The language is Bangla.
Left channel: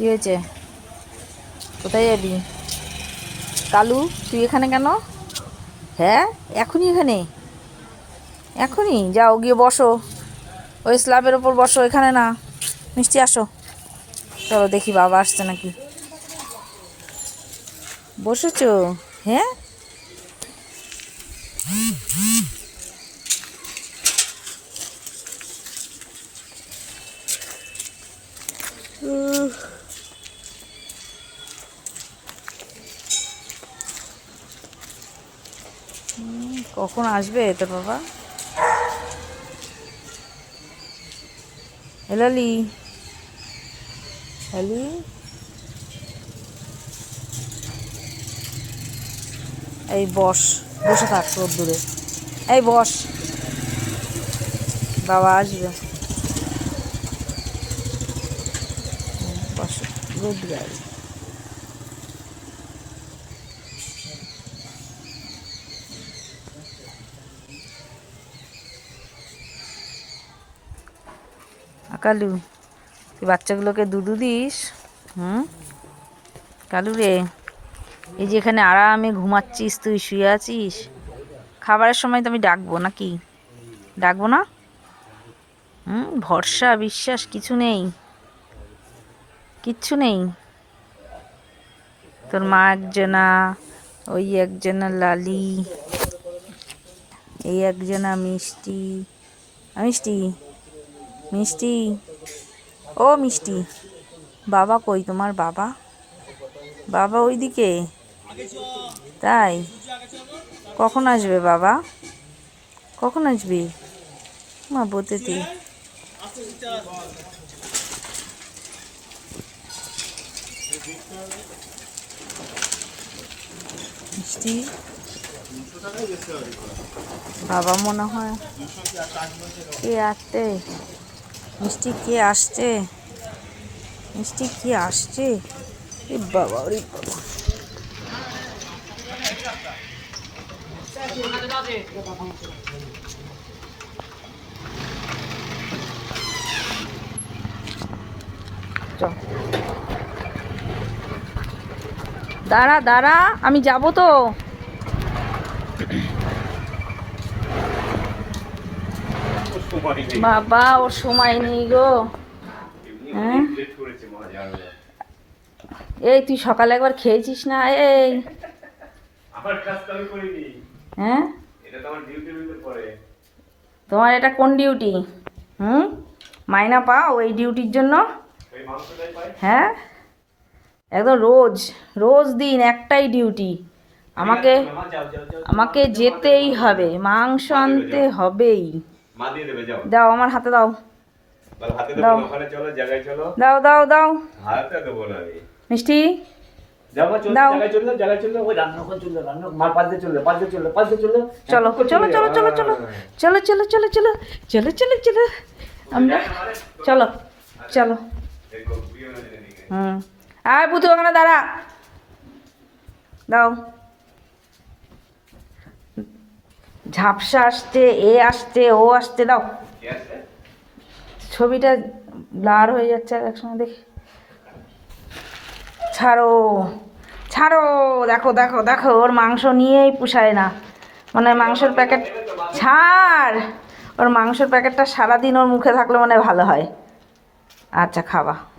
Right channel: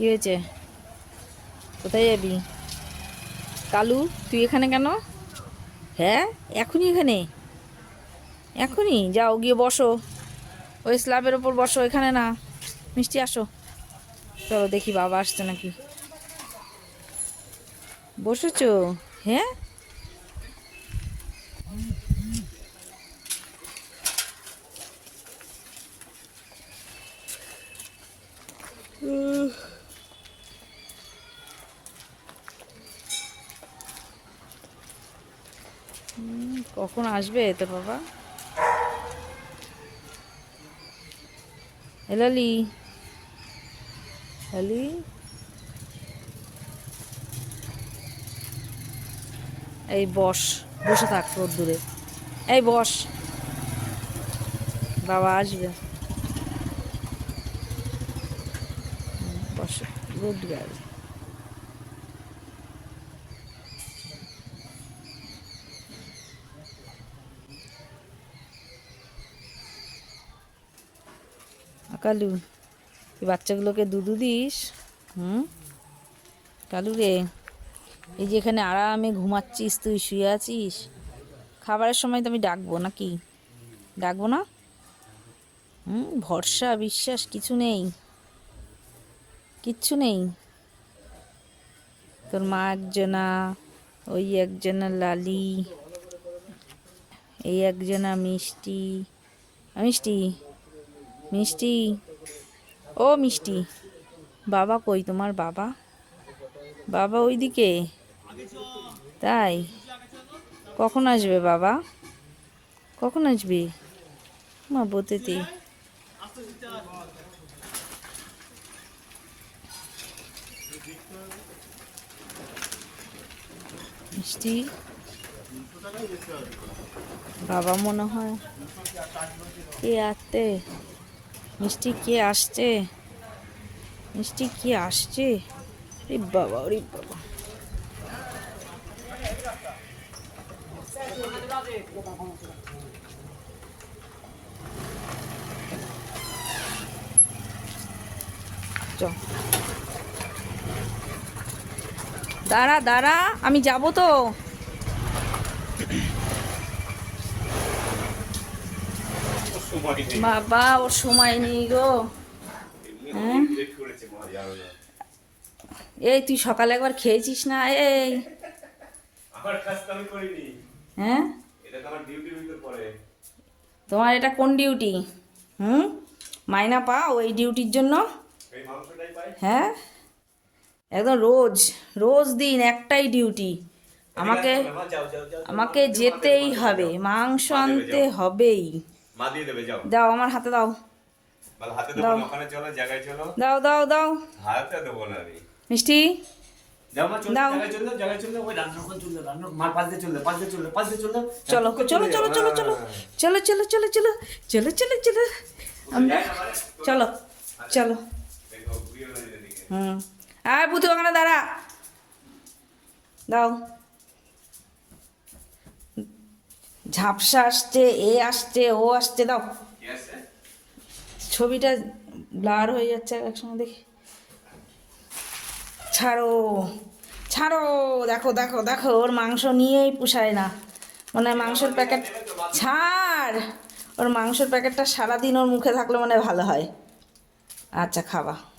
কি হয়েছে? কোথায় যাবি? কালু, তুই এখানে কেন? হ্যাঁ এখনই এখানে। এখনই? যাও, গিয়ে বসো। ওই স্ল্যাবের ওপর বসো, এখানে না। মিষ্টি, আসো। চলো দেখি বাবা আসছে নাকি। বসেছো? হ্যাঁ? উহ। কখন আসবে তোর বাবা? এলালি লালি। এই বস, বসে থাক দূরে। এই বস। বাবা আসবে। বস গুড গার্ল কালু, তুই বাচ্চাগুলোকে দুধু দিস। হুম? কালু রে, এই যে এখানে আরামে ঘুমাচ্ছিস, তুই শুয়ে আছিস। খাবারের সময় তো আমি ডাকবো নাকি? ডাকবো না? হুম, ভরসা, বিশ্বাস কিছু নেই। কিচ্ছু নেই। তোর মা একজনা, ওই একজনা লালি, এই একজনা মিষ্টি। মিষ্টি? মিষ্টি। ও মিষ্টি। বাবা কই? তোমার বাবা? বাবা ওইদিকে? তাই? কখন আসবে বাবা? কখন আসবে? মা, বতেতে। মিষ্টি? বাবা মনে হয় কে আসছে মিষ্টি কে আসছে? মিষ্টি কি আসছে? বাবা। দাঁড়া দাঁড়া আমি যাব তো। বাবা ওর সময় নেই গো হ্যাঁ এই তুই সকালে একবার খেয়েছিস না এই হ্যাঁ তোমার এটা কোন ডিউটি হুম মাইনা পাও এই ডিউটির জন্য হ্যাঁ একদম রোজ রোজ দিন একটাই ডিউটি আমাকে আমাকে যেতেই হবে মাংস আনতে হবেই মা দিয়ে দেবে যাও। দাও আমার হাতে দাও। বল হাতে দাও। ওখানে চলো জায়গায় চলো। দাও দাও দাও। হাতে দেবো না আমি। মিষ্টি? চলো দাও। চলো চলো চলো দিয়ে চলো চলো। চলো চলো চলো চলো চলো চলো চলো চলো চলো চলো চলো চলো চলো। আমরা চলো চলো। হয়ে হুম। আর পুতু ওখানে দাঁড়া। দাও। ঝাপসা আসছে, এ আসছে, ও আসছে, দাও। ছবিটা ব্লার হয়ে যাচ্ছে আর একসময় দেখি। ছাড়ো ছাড়ো, দেখো দেখো দেখো, ওর মাংস নিয়েই পুষায় না। মানে মাংসের প্যাকেট, ছাড়! ওর মাংসের প্যাকেটটা সারাদিন ওর মুখে থাকলে মানে ভালো হয়। আচ্ছা খাওয়া।